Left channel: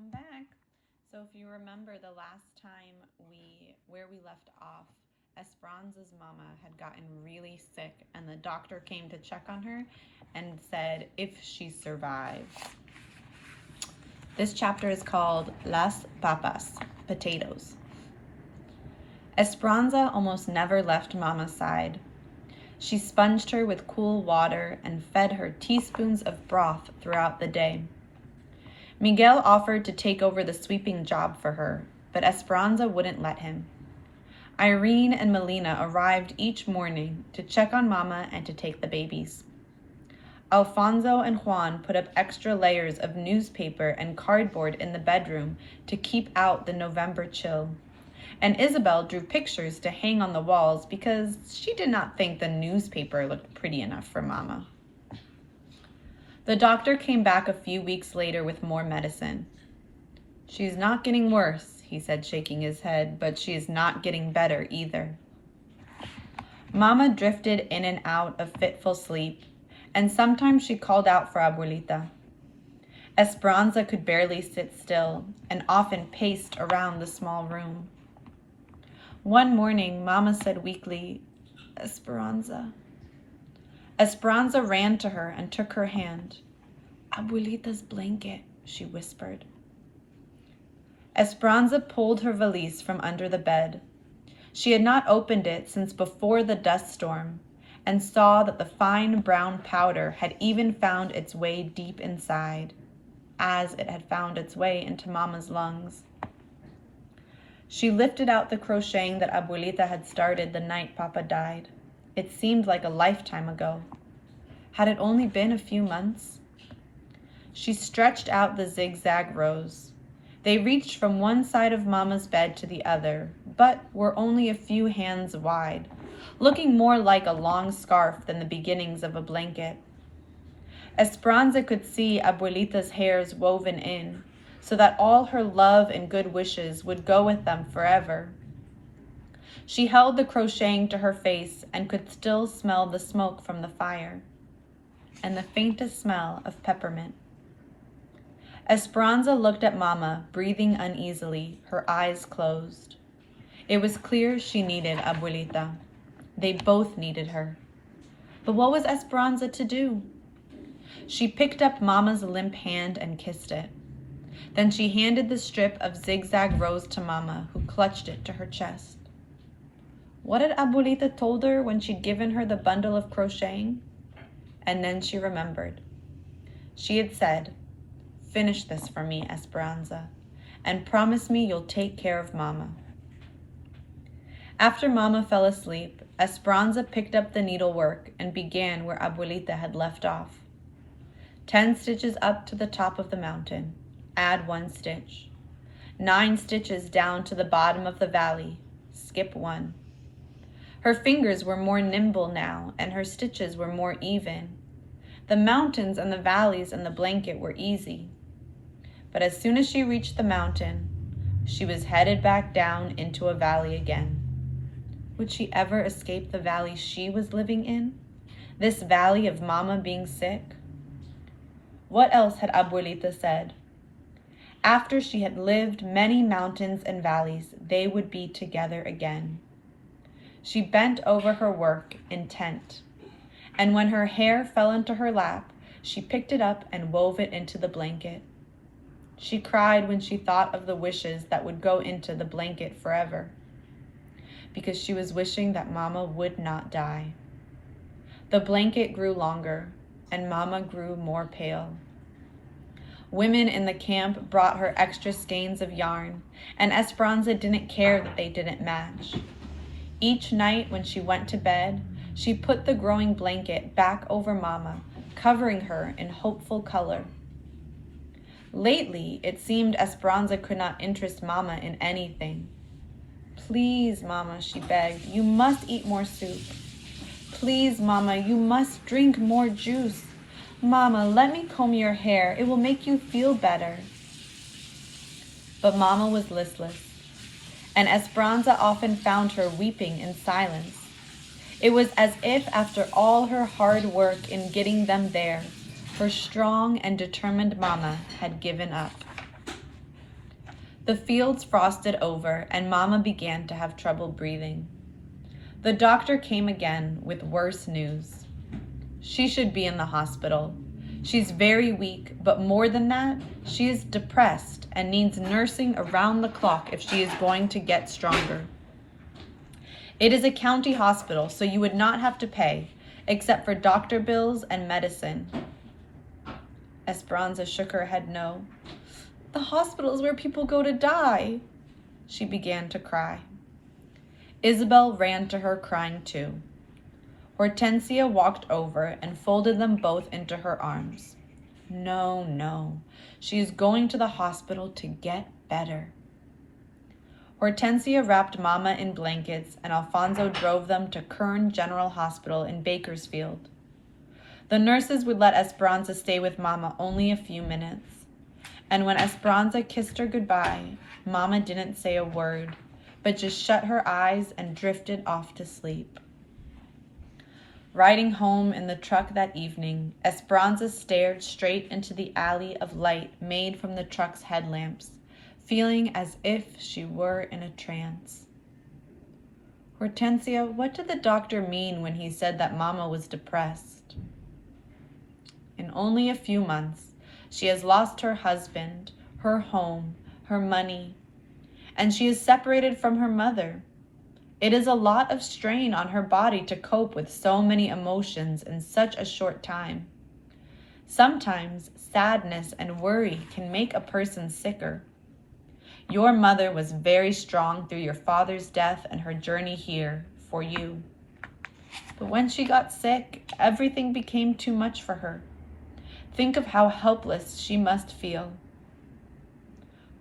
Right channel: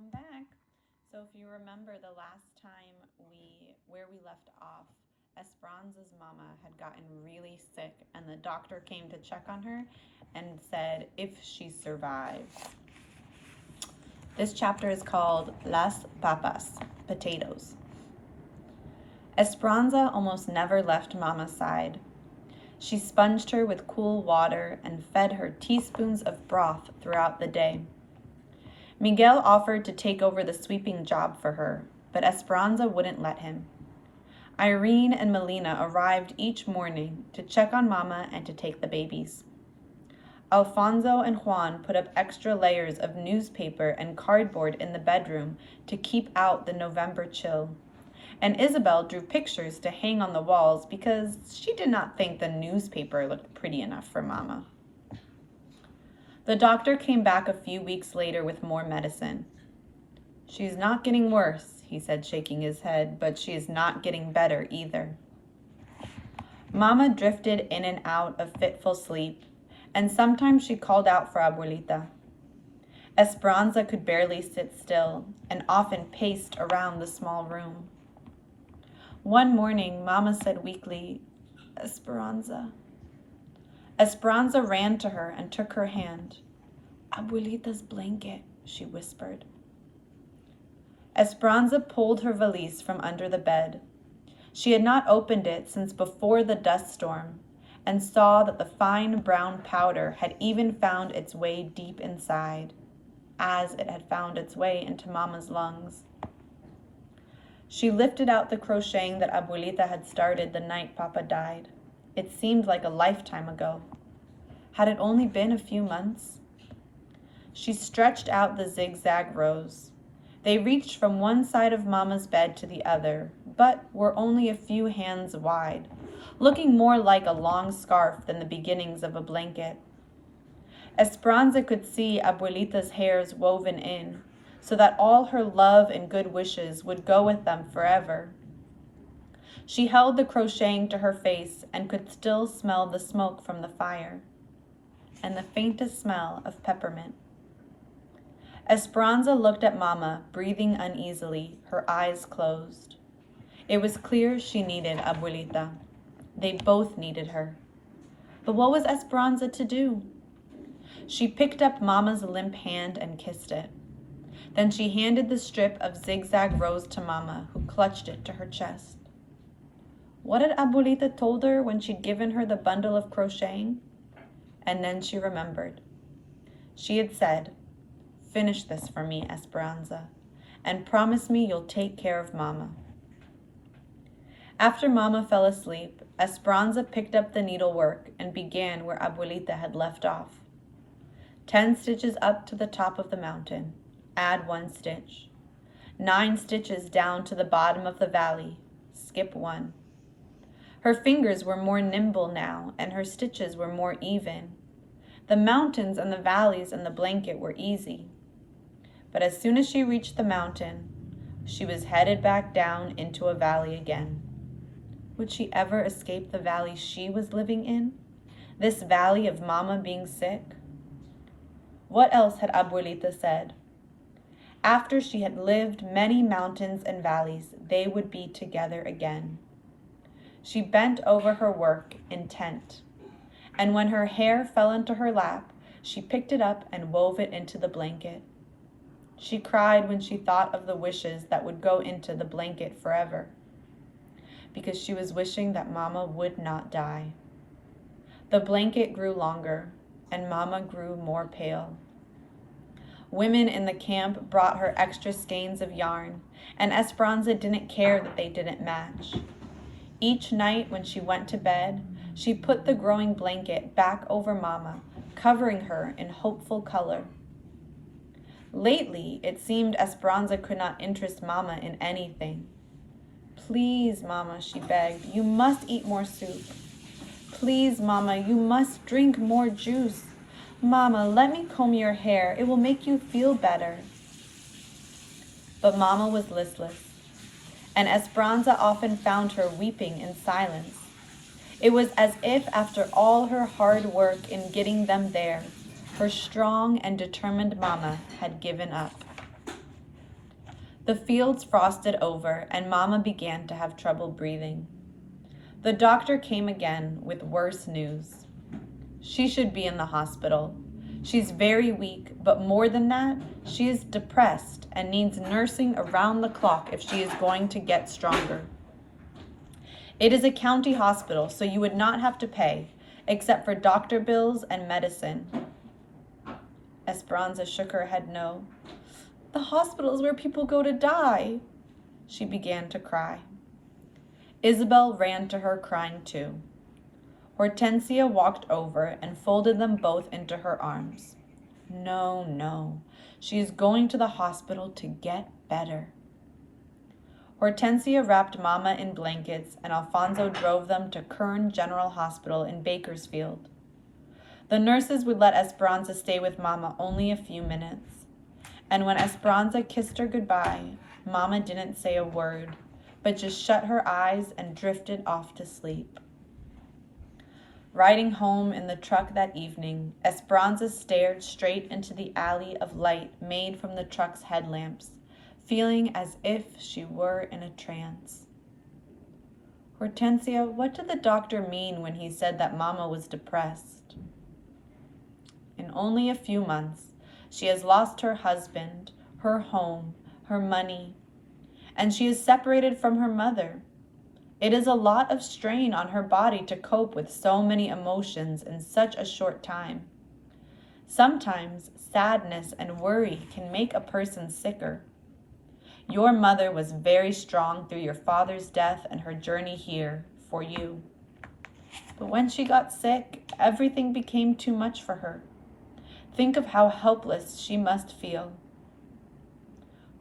Welcome back. So if you remember the last time where we left off, Esperanza's mama had gotten really sick and the doctor came to check on her and said if she survives. This chapter is called Las Papas, potatoes. Esperanza almost never left Mama's side. She sponged her with cool water and fed her teaspoons of broth throughout the day. Miguel offered to take over the sweeping job for her, but Esperanza wouldn't let him. Irene and Melina arrived each morning to check on Mama and to take the babies. Alfonso and Juan put up extra layers of newspaper and cardboard in the bedroom to keep out the November chill. And Isabel drew pictures to hang on the walls because she did not think the newspaper looked pretty enough for Mama. The doctor came back a few weeks later with more medicine. "She's not getting worse," he said, shaking his head, "but she is not getting better either." Mama drifted in and out of fitful sleep, and sometimes she called out for Abuelita. Esperanza could barely sit still and often paced around the small room. One morning, Mama said weakly, "Esperanza." Esperanza ran to her and took her hand. "Abuelita's blanket," she whispered. Esperanza pulled her valise from under the bed. She had not opened it since before the dust storm and saw that the fine brown powder had even found its way deep inside, as it had found its way into Mama's lungs. She lifted out the crocheting that Abuelita had started the night Papa died. It seemed like a lifetime ago. Had it only been a few months? She stretched out the zigzag rows. They reached from one side of Mama's bed to the other, but were only a few hands wide, looking more like a long scarf than the beginnings of a blanket. Esperanza could see Abuelita's hairs woven in, so that all her love and good wishes would go with them forever. She held the crocheting to her face and could still smell the smoke from the fire, and the faintest smell of peppermint. Esperanza looked at Mama, breathing uneasily, her eyes closed. It was clear she needed Abuelita. They both needed her. But what was Esperanza to do? She picked up Mama's limp hand and kissed it. Then she handed the strip of zigzag rose to Mama, who clutched it to her chest. What had Abuelita told her when she'd given her the bundle of crocheting? And then she remembered. She had said, "Finish this for me, Esperanza, and promise me you'll take care of Mama." After Mama fell asleep, Esperanza picked up the needlework and began where Abuelita had left off. 10 stitches up to the top of the mountain. Add 1 stitch. 9 stitches down to the bottom of the valley. Skip 1. Her fingers were more nimble now, and her stitches were more even. The mountains and the valleys and the blanket were easy. But as soon as she reached the mountain, she was headed back down into a valley again. Would she ever escape the valley she was living in? This valley of Mama being sick? What else had Abuelita said? After she had lived many mountains and valleys, they would be together again. She bent over her work, intent, and when her hair fell into her lap, she picked it up and wove it into the blanket. She cried when she thought of the wishes that would go into the blanket forever, because she was wishing that Mama would not die. The blanket grew longer, and Mama grew more pale. Women in the camp brought her extra skeins of yarn, and Esperanza didn't care that they didn't match. Each night when she went to bed, she put the growing blanket back over Mama, covering her in hopeful color. Lately, it seemed Esperanza could not interest Mama in anything. "Please, Mama," she begged, "you must eat more soup. Please, Mama, you must drink more juice. Mama, let me comb your hair. It will make you feel better." But Mama was listless, and Esperanza often found her weeping in silence. It was as if after all her hard work in getting them there, her strong and determined Mama had given up. The fields frosted over, and Mama began to have trouble breathing. The doctor came again with worse news. She should be in the hospital. She's very weak, but more than that, she is depressed and needs nursing around the clock if she is going to get stronger. It is a county hospital, so you would not have to pay, except for doctor bills and medicine. Esperanza shook her head no. The hospital is where people go to die. She began to cry. Isabel ran to her crying too. Hortensia walked over and folded them both into her arms. No, no, she is going to the hospital to get better. Hortensia wrapped Mama in blankets and Alfonso drove them to Kern General Hospital in Bakersfield. The nurses would let Esperanza stay with Mama only a few minutes. And when Esperanza kissed her goodbye, Mama didn't say a word, but just shut her eyes and drifted off to sleep. Riding home in the truck that evening, Esperanza stared straight into the alley of light made from the truck's headlamps, feeling as if she were in a trance. Hortensia, what did the doctor mean when he said that Mama was depressed? In only a few months, she has lost her husband, her home, her money, and she is separated from her mother. It is a lot of strain on her body to cope with so many emotions in such a short time. Sometimes sadness and worry can make a person sicker. Your mother was very strong through your father's death and her journey here for you. But when she got sick, everything became too much for her. Think of how helpless she must feel.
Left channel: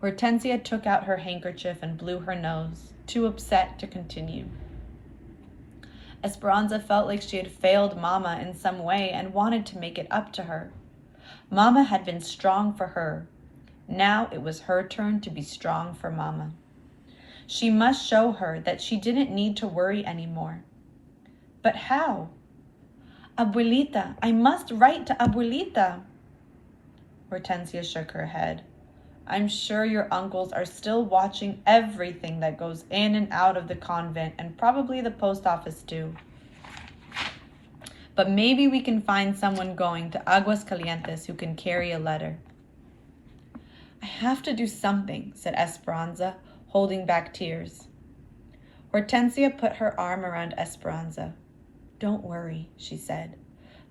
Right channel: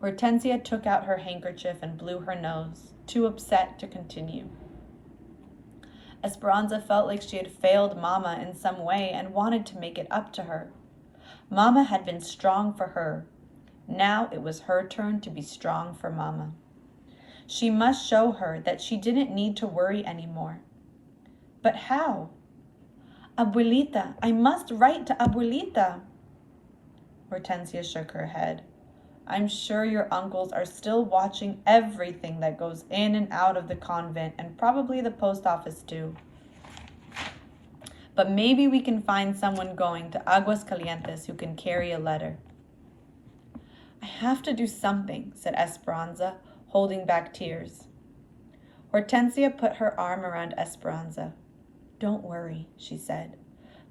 Hortensia took out her handkerchief and blew her nose, too upset to continue. Esperanza felt like she had failed Mama in some way and wanted to make it up to her. Mama had been strong for her. Now it was her turn to be strong for Mama. She must show her that she didn't need to worry anymore. But how? Abuelita, I must write to Abuelita. Hortensia shook her head. I'm sure your uncles are still watching everything that goes in and out of the convent and probably the post office too. But maybe we can find someone going to Aguas Calientes who can carry a letter. I have to do something, said Esperanza, holding back tears. Hortensia put her arm around Esperanza. Don't worry, she said.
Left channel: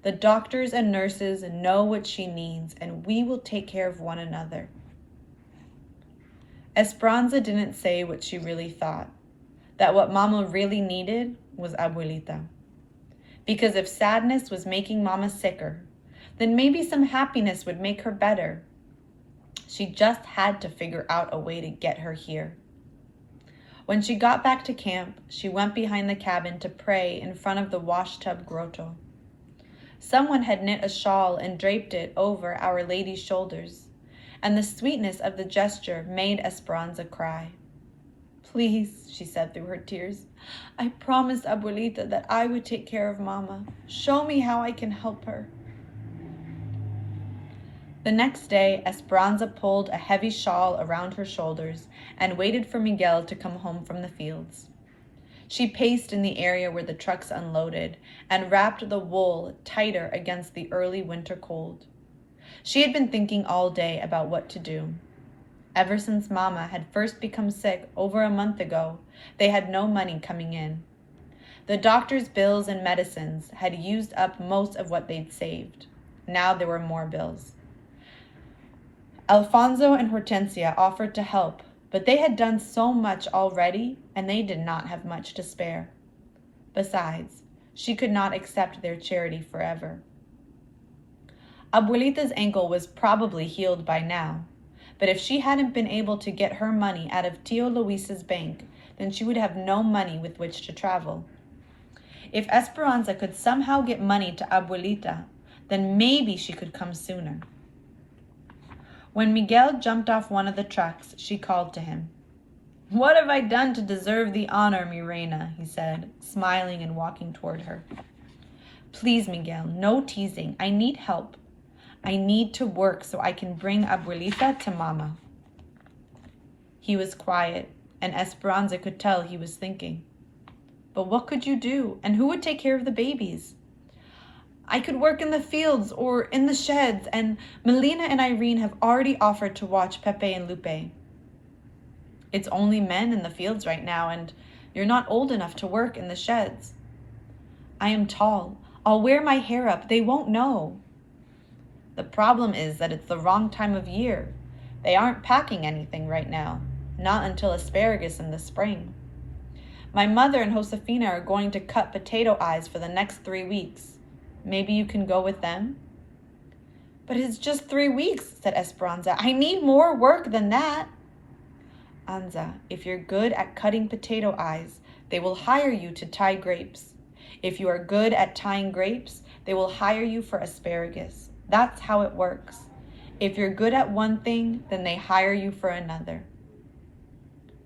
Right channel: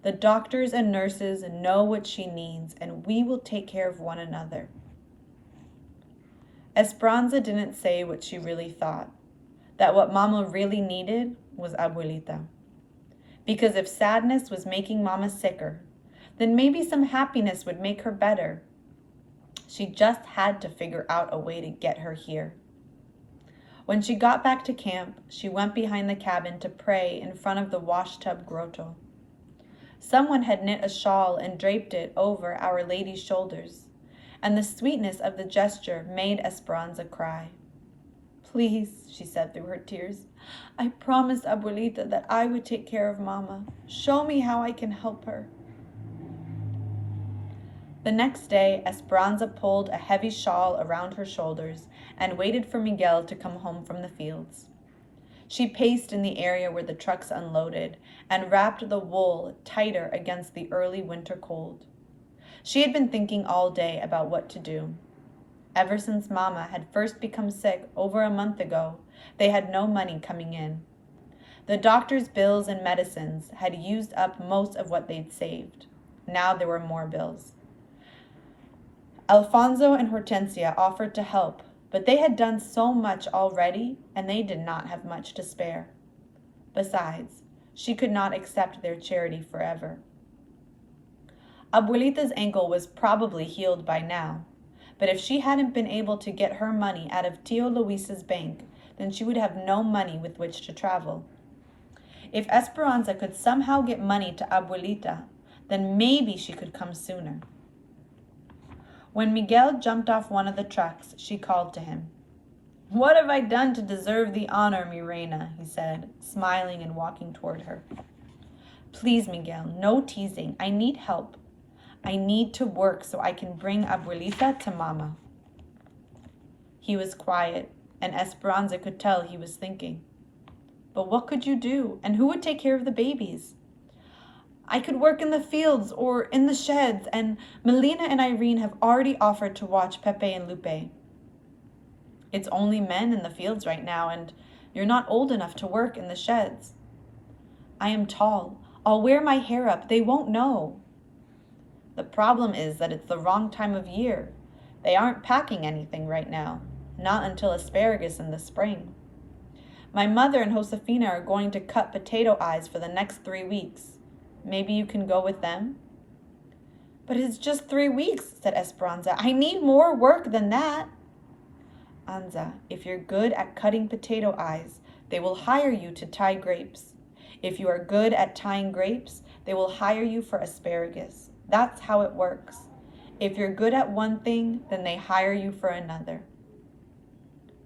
The doctors and nurses know what she needs, and we will take care of one another. Esperanza didn't say what she really thought, that what Mama really needed was Abuelita. Because if sadness was making Mama sicker, then maybe some happiness would make her better. She just had to figure out a way to get her here. When she got back to camp, she went behind the cabin to pray in front of the washtub grotto. Someone had knit a shawl and draped it over Our Lady's shoulders, and the sweetness of the gesture made Esperanza cry. Please, she said through her tears, I promised Abuelita that I would take care of Mama. Show me how I can help her. The next day, Esperanza pulled a heavy shawl around her shoulders and waited for Miguel to come home from the fields. She paced in the area where the trucks unloaded and wrapped the wool tighter against the early winter cold. She had been thinking all day about what to do. Ever since Mama had first become sick over a month ago, they had no money coming in. The doctor's bills and medicines had used up most of what they'd saved. Now there were more bills. Alfonso and Hortensia offered to help, but they had done so much already, and they did not have much to spare. Besides, she could not accept their charity forever. Abuelita's ankle was probably healed by now, but if she hadn't been able to get her money out of Tio Luis's bank, then she would have no money with which to travel. If Esperanza could somehow get money to Abuelita, then maybe she could come sooner. When Miguel jumped off one of the trucks, she called to him. What have I done to deserve the honor, mi reina? He said, smiling and walking toward her. Please, Miguel, no teasing. I need help. I need to work so I can bring Abuelita to Mama. He was quiet, and Esperanza could tell he was thinking. But what could you do, and who would take care of the babies? I could work in the fields or in the sheds, and Melina and Irene have already offered to watch Pepe and Lupe. It's only men in the fields right now, and you're not old enough to work in the sheds. I am tall. I'll wear my hair up. They won't know. The problem is that it's the wrong time of year. They aren't packing anything right now, not until asparagus in the spring. My mother and Josefina are going to cut potato eyes for the next 3 weeks. Maybe you can go with them? But it's just 3 weeks, said Esperanza. I need more work than that. Anza, if you're good at cutting potato eyes, they will hire you to tie grapes. If you are good at tying grapes, they will hire you for asparagus. That's how it works. If you're good at one thing, then they hire you for another.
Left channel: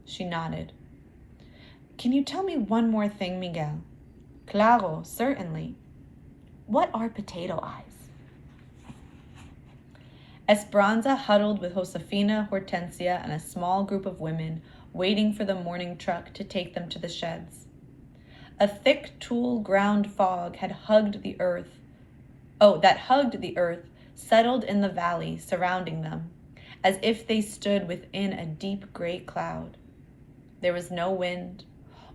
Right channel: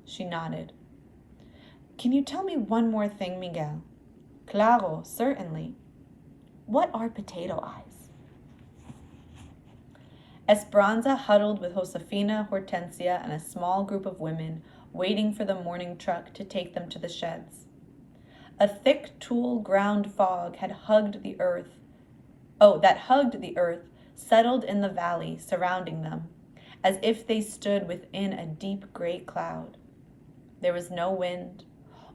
She nodded. Can you tell me one more thing, Miguel? Claro, certainly. What are potato eyes? Esperanza huddled with Josefina, Hortensia, and a small group of women waiting for the morning truck to take them to the sheds. A thick tulle ground fog that hugged the earth, settled in the valley surrounding them, as if they stood within a deep gray cloud. There was no wind,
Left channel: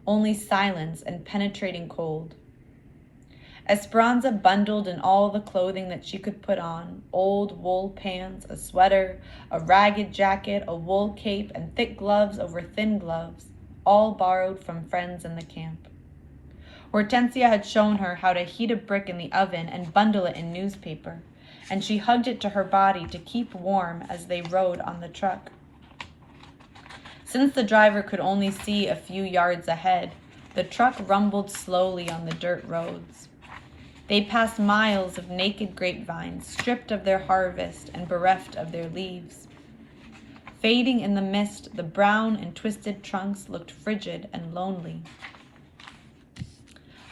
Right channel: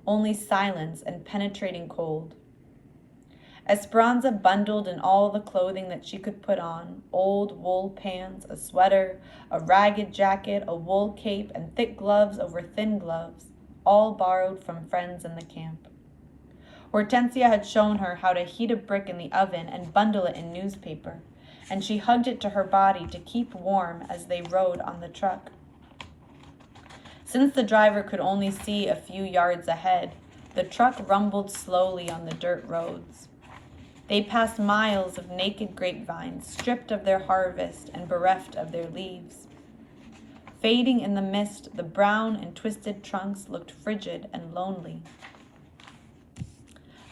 only silence and penetrating cold. Esperanza bundled in all the clothing that she could put on, old wool pants, a sweater, a ragged jacket, a wool cape, and thick gloves over thin gloves, all borrowed from friends in the camp. Hortensia had shown her how to heat a brick in the oven and bundle it in newspaper, and she hugged it to her body to keep warm as they rode on the truck. Since the driver could only see a few yards ahead, the truck rumbled slowly on the dirt roads. They passed miles of naked grapevines, stripped of their harvest and bereft of their leaves. Fading in the mist, the brown and twisted trunks looked frigid and lonely.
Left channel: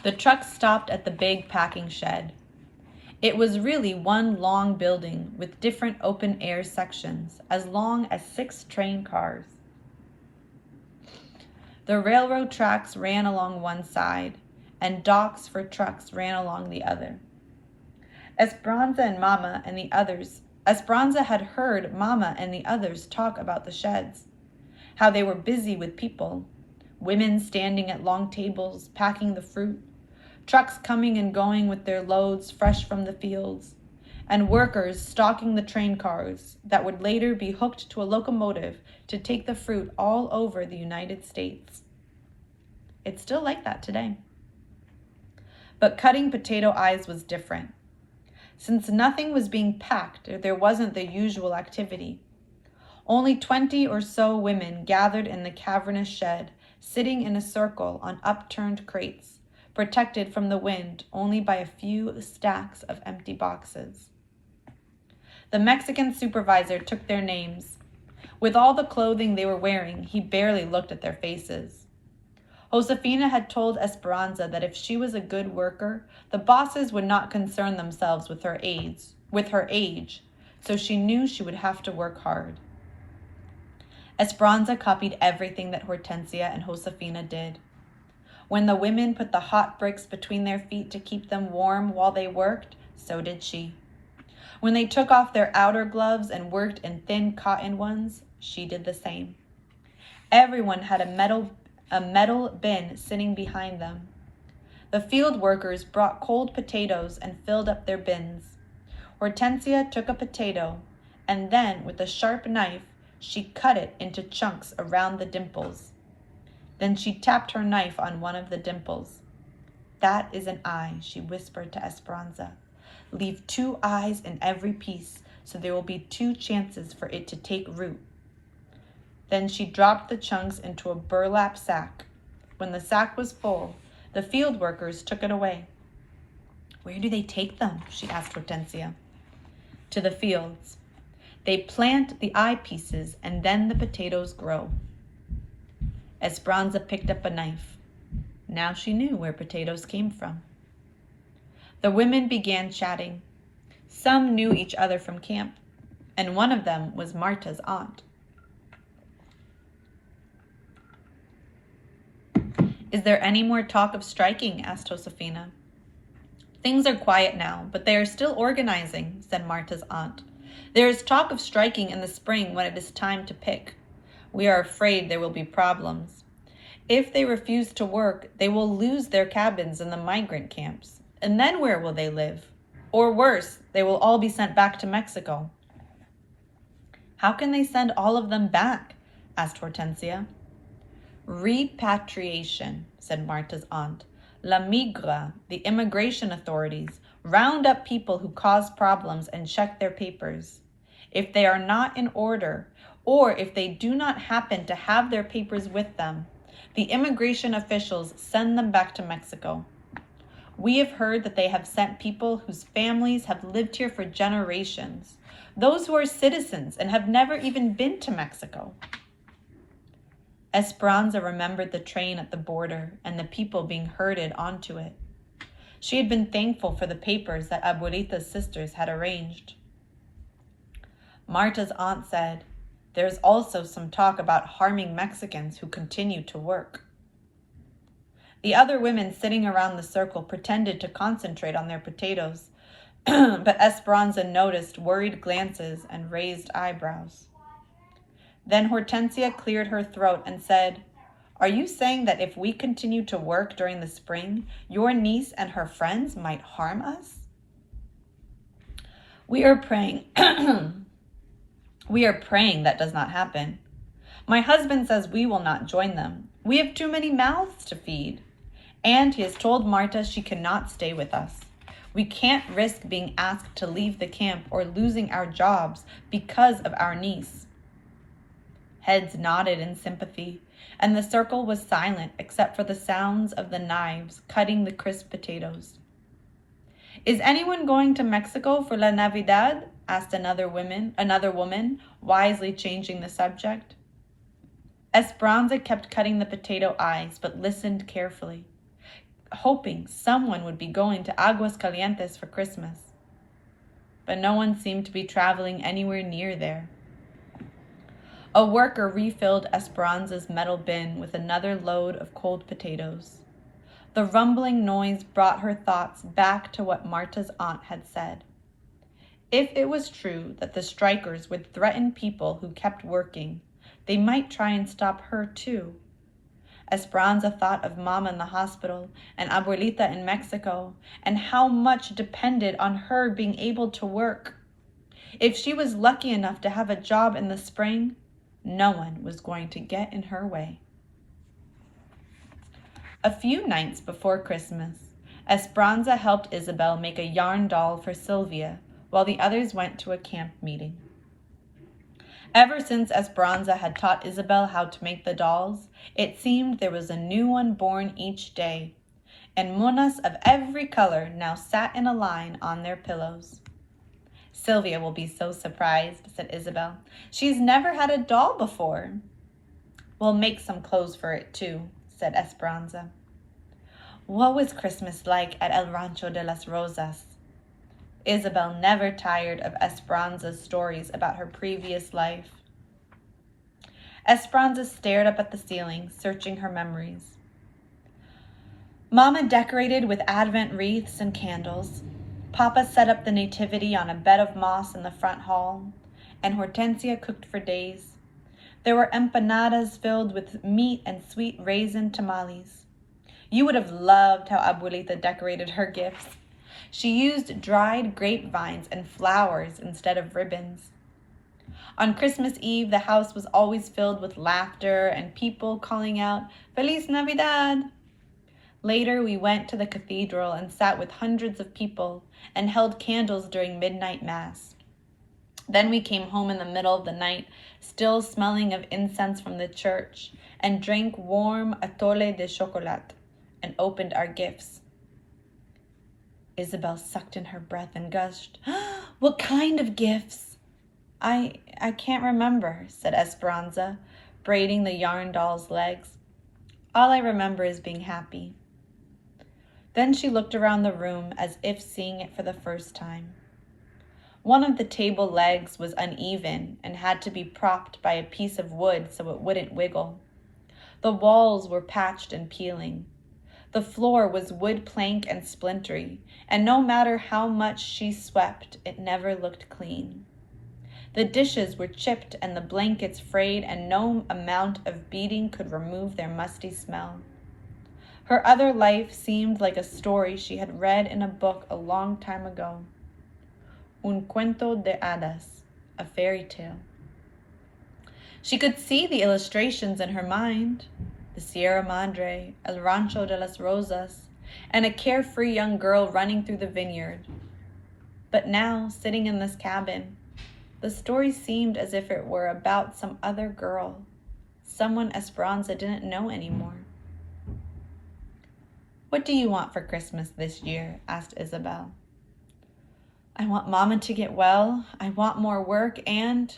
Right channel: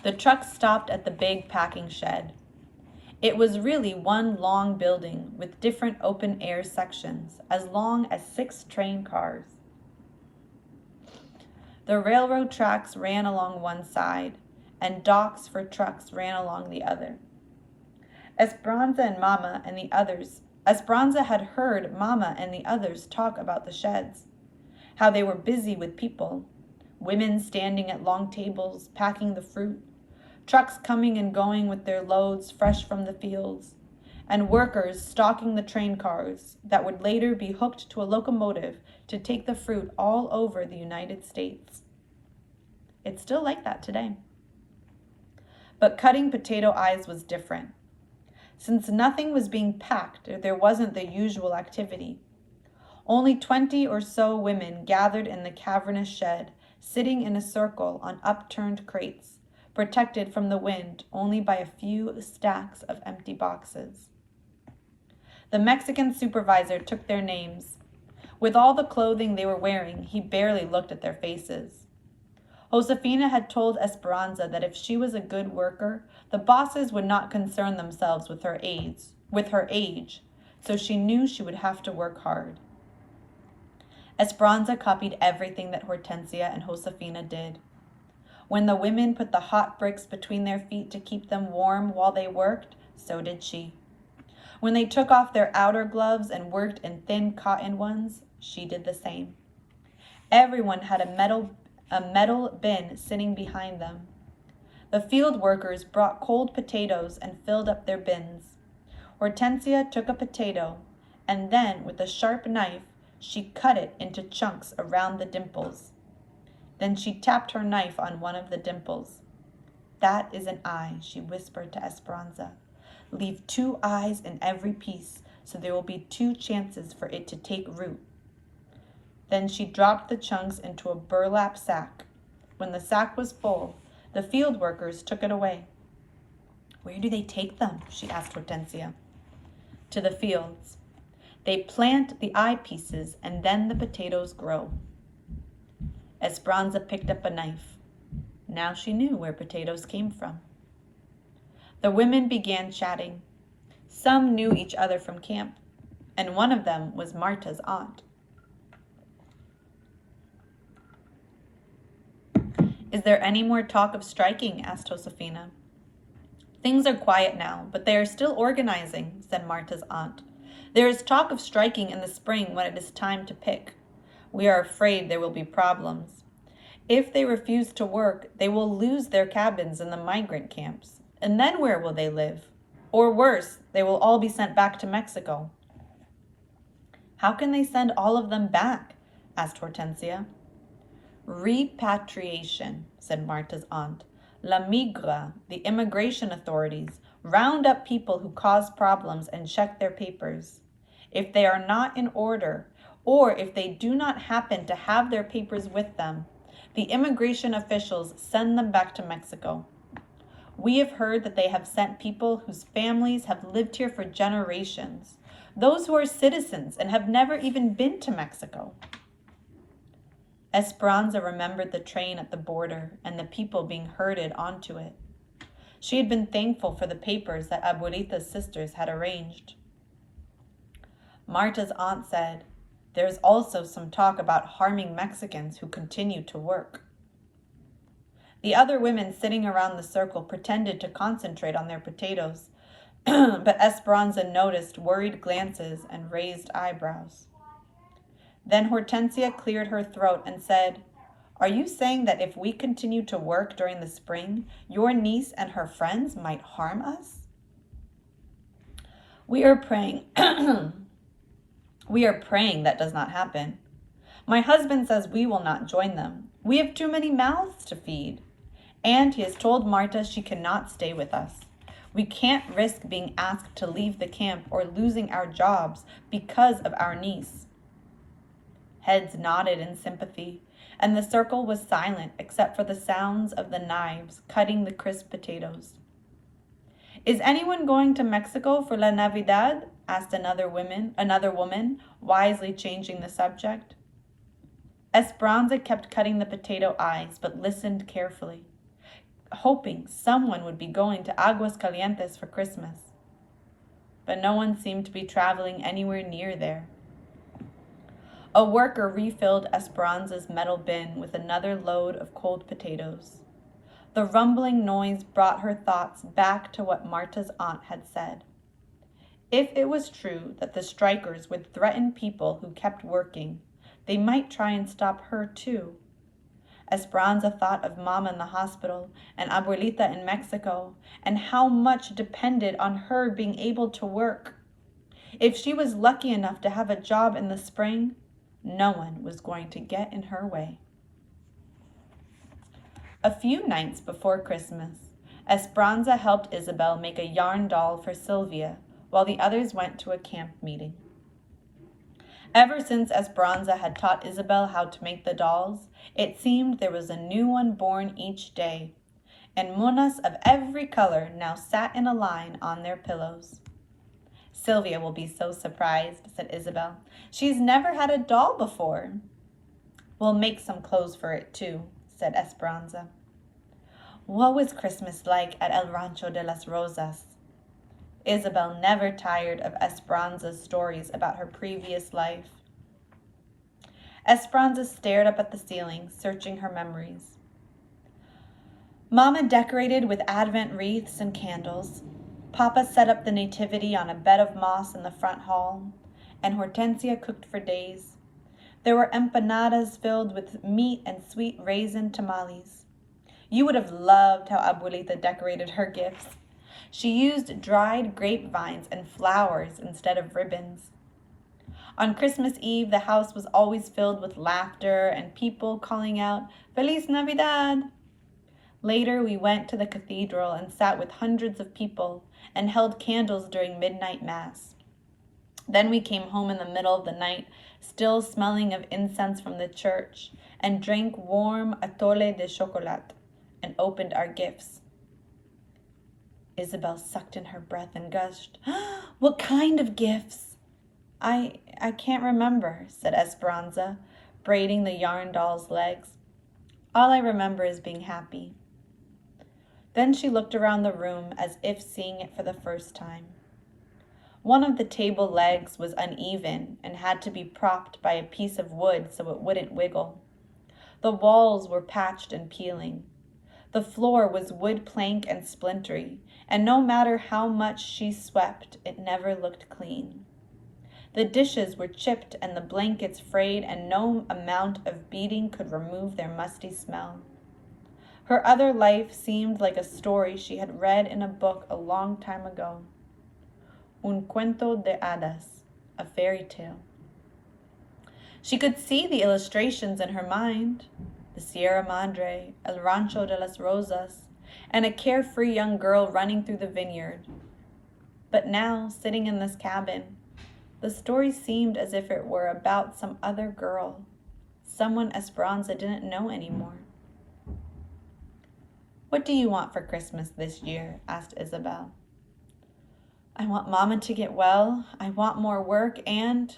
The truck stopped at the big packing shed. It was really one long building with different open-air sections, as long as 6 train cars. The railroad tracks ran along one side, and docks for trucks ran along the other. Esperanza had heard Mama and the others talk about the sheds, how they were busy with people, women standing at long tables packing the fruit, trucks coming and going with their loads fresh from the fields, and workers stocking the train cars that would later be hooked to a locomotive to take the fruit all over the United States. It's still like that today. But cutting potato eyes was different. Since nothing was being packed, there wasn't the usual activity. Only 20 or so women gathered in the cavernous shed, sitting in a circle on upturned crates, protected from the wind only by a few stacks of empty boxes. The Mexican supervisor took their names. With all the clothing they were wearing, he barely looked at their faces. Josefina had told Esperanza that if she was a good worker, the bosses would not concern themselves with her age, so she knew she would have to work hard. Esperanza copied everything that Hortensia and Josefina did. When the women put the hot bricks between their feet to keep them warm while they worked, so did she. When they took off their outer gloves and worked in thin cotton ones, she did the same. Everyone had a metal bin sitting behind them. The field workers brought cold potatoes and filled up their bins. Hortensia took a potato, and then with a sharp knife, she cut it into chunks around the dimples. Then she tapped her knife on one of the dimples. That is an eye, she whispered to Esperanza. Leave 2 eyes in every piece, so there will be 2 chances for it to take root. Then she dropped the chunks into a burlap sack. When the sack was full, the field workers took it away. Where do they take them? She asked Hortensia. To the fields. They plant the eye pieces and then the potatoes grow. Esperanza picked up a knife. Now she knew where potatoes came from. The women began chatting. Some knew each other from camp, and one of them was Marta's aunt. Is there any more talk of striking? Asked Josefina. Things are quiet now, but they are still organizing, said Marta's aunt. There is talk of striking in the spring when it is time to pick. We are afraid there will be problems. If they refuse to work, they will lose their cabins in the migrant camps. And then where will they live? Or worse, they will all be sent back to Mexico. How can they send all of them back? Asked Hortensia. Repatriation, said Marta's aunt. La Migra, the immigration authorities, round up people who cause problems and check their papers. If they are not in order, or if they do not happen to have their papers with them, the immigration officials send them back to Mexico. We have heard that they have sent people whose families have lived here for generations, those who are citizens and have never even been to Mexico. Esperanza remembered the train at the border and the people being herded onto it. She had been thankful for the papers that Abuelita's sisters had arranged. Marta's aunt said, "There is also some talk about harming Mexicans who continue to work." The other women sitting around the circle pretended to concentrate on their potatoes, but Esperanza noticed worried glances and raised eyebrows. Then Hortensia cleared her throat and said, "Are you saying that if we continue to work during the spring, your niece and her friends might harm us?" We are praying. We are praying that does not happen. My husband says we will not join them. We have too many mouths to feed. And he has told Marta she cannot stay with us. We can't risk being asked to leave the camp or losing our jobs because of our niece. Heads nodded in sympathy, and the circle was silent except for the sounds of the knives cutting the crisp potatoes. "Is anyone going to Mexico for La Navidad?" asked another woman, wisely changing the subject. Esperanza kept cutting the potato eyes, but listened carefully, hoping someone would be going to Aguas Calientes for Christmas. But no one seemed to be traveling anywhere near there. A worker refilled Esperanza's metal bin with another load of cold potatoes. The rumbling noise brought her thoughts back to what Marta's aunt had said. If it was true that the strikers would threaten people who kept working, they might try and stop her too. Esperanza thought of Mama in the hospital and Abuelita in Mexico and how much depended on her being able to work. If she was lucky enough to have a job in the spring, no one was going to get in her way. A few nights before Christmas, Esperanza helped Isabel make a yarn doll for Sylvia while the others went to a camp meeting. Ever since Esperanza had taught Isabel how to make the dolls, it seemed there was a new one born each day, and munas of every color now sat in a line on their pillows. "Sylvia will be so surprised," said Isabel. "She's never had a doll before." "We'll make some clothes for it too," said Esperanza. What was Christmas like at El Rancho de las Rosas? Isabel never tired of Esperanza's stories about her previous life. Esperanza stared up at the ceiling, searching her memories. Mama decorated with Advent wreaths and candles. Papa set up the nativity on a bed of moss in the front hall, and Hortensia cooked for days. There were empanadas filled with meat and sweet raisin tamales. You would have loved how Abuelita decorated her gifts. She used dried grapevines and flowers instead of ribbons. On Christmas Eve, the house was always filled with laughter and people calling out, "Feliz Navidad!" Later, we went to the cathedral and sat with hundreds of people and held candles during midnight mass. Then we came home in the middle of the night, still smelling of incense from the church, and drank warm atole de chocolat and opened our gifts. Isabel sucked in her breath and gushed, "What kind of gifts?" I can't remember," said Esperanza, braiding the yarn doll's legs. "All I remember is being happy." Then she looked around the room as if seeing it for the first time. One of the table legs was uneven and had to be propped by a piece of wood so it wouldn't wiggle. The walls were patched and peeling. The floor was wood plank and splintery, and no matter how much she swept, it never looked clean. The dishes were chipped and the blankets frayed, and no amount of beating could remove their musty smell. Her other life seemed like a story she had read in a book a long time ago. Un cuento de hadas, a fairy tale. She could see the illustrations in her mind, the Sierra Madre, El Rancho de las Rosas, and a carefree young girl running through the vineyard. But now, sitting in this cabin, the story seemed as if it were about some other girl, someone Esperanza didn't know anymore. "What do you want for Christmas this year?" asked Isabel. "I want Mama to get well. I want more work and..."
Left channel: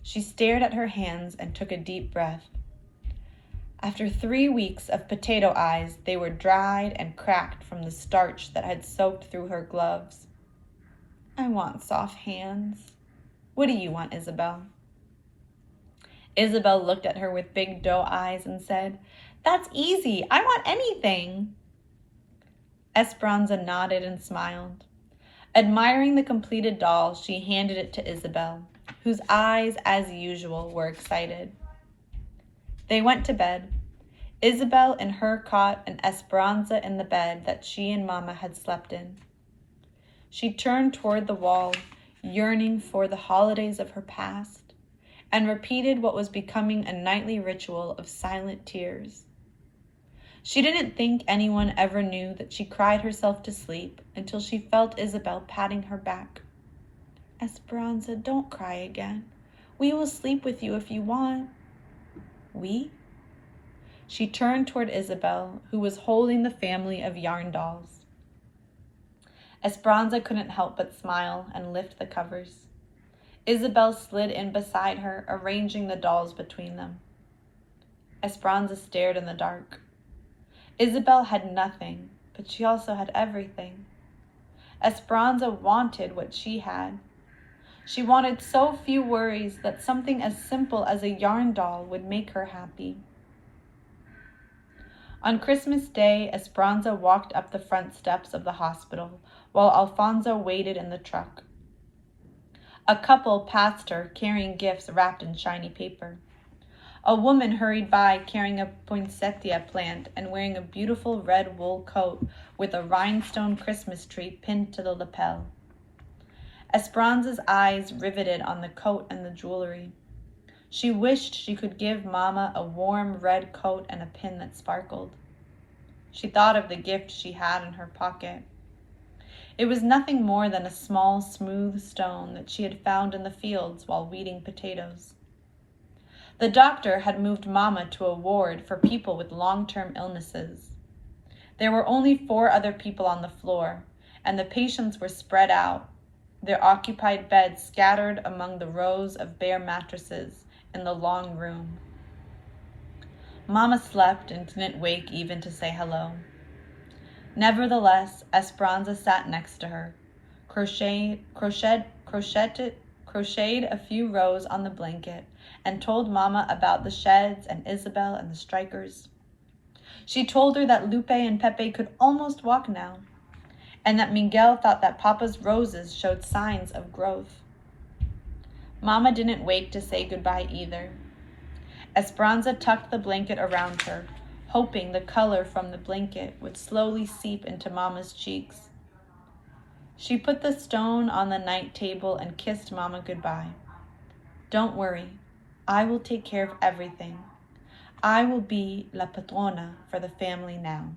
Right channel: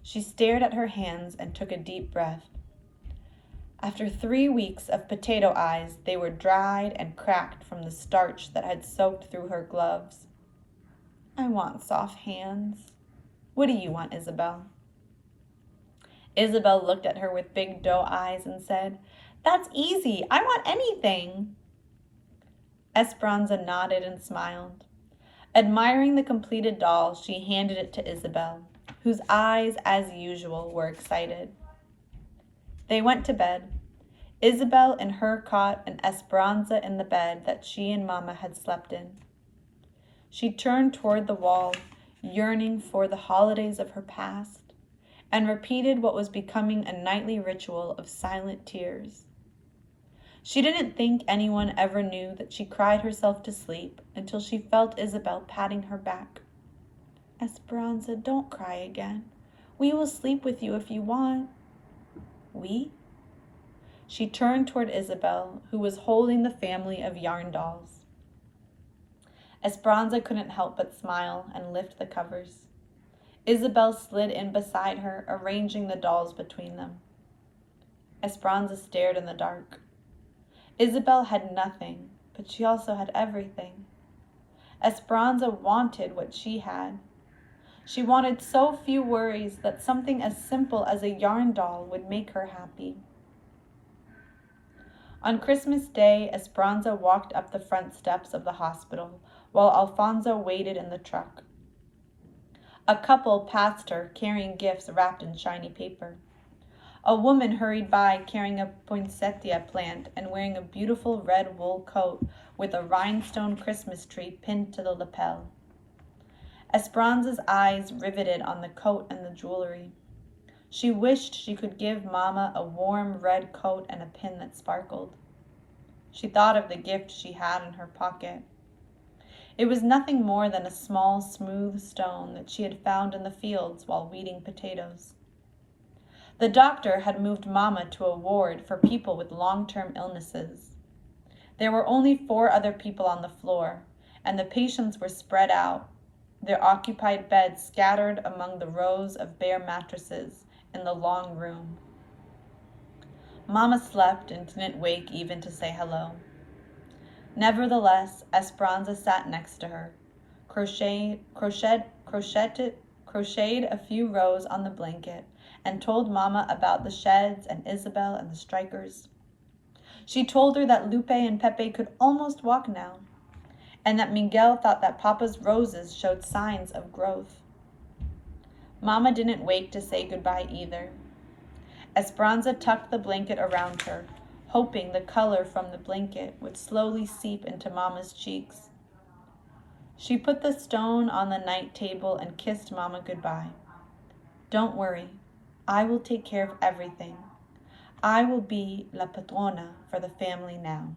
She stared at her hands and took a deep breath. After 3 weeks of potato eyes, they were dried and cracked from the starch that had soaked through her gloves. "I want soft hands. What do you want, Isabel?" Isabel looked at her with big doe eyes and said, "That's easy. I want anything." Esperanza nodded and smiled. Admiring the completed doll, she handed it to Isabel, whose eyes, as usual, were excited. They went to bed, Isabel in her cot and Esperanza in the bed that she and Mama had slept in. She turned toward the wall, yearning for the holidays of her past, and repeated what was becoming a nightly ritual of silent tears. She didn't think anyone ever knew that she cried herself to sleep until she felt Isabel patting her back. "Esperanza, don't cry again. We will sleep with you if you want." "We?" She turned toward Isabel, who was holding the family of yarn dolls. Esperanza couldn't help but smile and lift the covers. Isabel slid in beside her, arranging the dolls between them. Esperanza stared in the dark. Isabel had nothing, but she also had everything. Esperanza wanted what she had. She wanted so few worries that something as simple as a yarn doll would make her happy. On Christmas Day, Esperanza walked up the front steps of the hospital while Alfonso waited in the truck. A couple passed her carrying gifts wrapped in shiny paper. A woman hurried by carrying a poinsettia plant and wearing a beautiful red wool coat with a rhinestone Christmas tree pinned to the lapel. Esperanza's eyes riveted on the coat and the jewelry. She wished she could give Mama a warm red coat and a pin that sparkled. She thought of the gift she had in her pocket. It was nothing more than a small, smooth stone that she had found in the fields while weeding potatoes. The doctor had moved Mama to a ward for people with long-term illnesses. There were only 4 other people on the floor, and the patients were spread out, their occupied beds scattered among the rows of bare mattresses in the long room. Mama slept and didn't wake even to say hello. Nevertheless, Esperanza sat next to her, crocheted a few rows on the blanket, and told Mama about the sheds and Isabel and the strikers. She told her that Lupe and Pepe could almost walk now, and that Miguel thought that Papa's roses showed signs of growth. Mama didn't wake to say goodbye either. Esperanza tucked the blanket around her, hoping the color from the blanket would slowly seep into Mama's cheeks. She put the stone on the night table and kissed Mama goodbye. "Don't worry, I will take care of everything. I will be la patrona for the family now."